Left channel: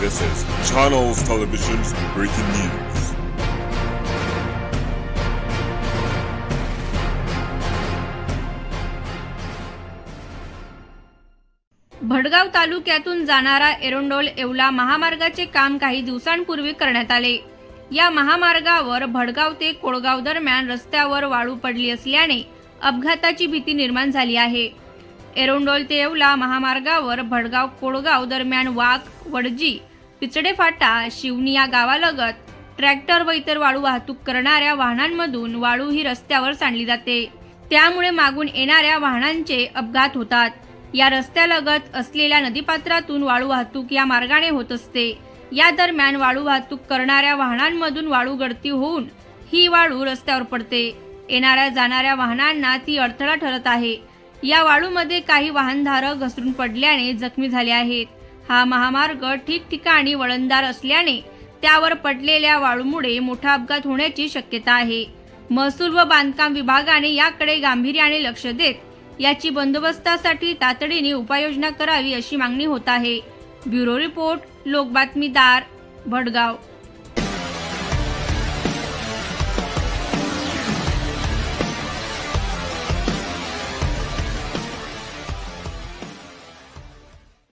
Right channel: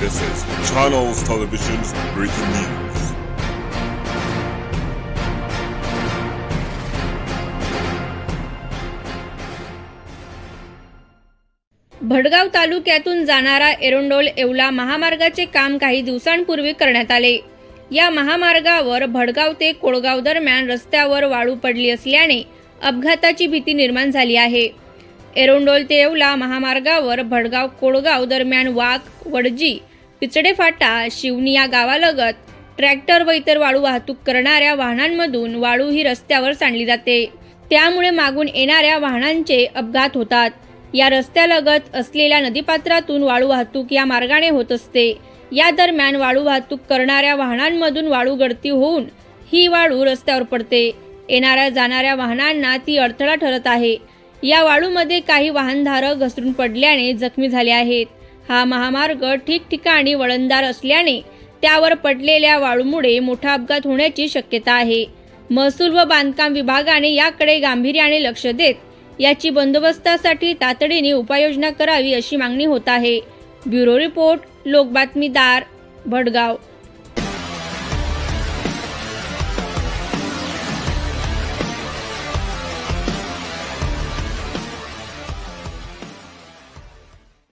This is Channels Television's breaking news. Bhadgaon तालुक्यातून जाणारा एरोंडोल येवला महामार्गाचे काम काही दिवसांपूर्वी करण्यात आले या महामार्गावर भडगाव ते कोळगाव दरम्यान रस्त्यावर वाळू पडली असल्याने अपघाताची भीती निर्माण झाली आहे एरोंडोल ते येवला महामार्गावर भडगाव कोळगाव दरम्यान वाघ वडजी पिचडे फाटा शिवनी या गावालगत ट्रॅक्टर व इतर वाळू वाहतूक करणाऱ्या वाहनांमधून वाळू ही रस्त्यावर सांडली जाते. त्यामुळे मागून येणाऱ्या वाहनांचे अपघात होतात. या रस्त्यालगत असलेल्या नदीपात्रातून वाळू वाहतूक या मार्गाने होत असते. या दरम्यान वाळू वाहतूक करणाऱ्या वाहनांमधून वाळू गळती होऊन ही वाळू रस्त्यावर पडते. येणाऱ्या जाणाऱ्या वाहनांना ती अडथळा ठरत आहे. या वाळूमध्ये काही वाहनधारक घसरून पडल्याने जखमी झाले आहेत. हा महामार्ग ठिकठिकाणी वळणदार असल्याने त्यावर पडलेल्या वाळूमुळे मोठा अपघात होण्याची शक्यता आहे. महसूल व बांधकाम विभागाने याकडे गांभीर्याने लक्ष देत याची बंदोबस्तासाठी तातडीने उपाययोजना करावी अशी मागणी होत आहे. ब्युरो रिपोर्ट लोकबातमीदार भडगाव.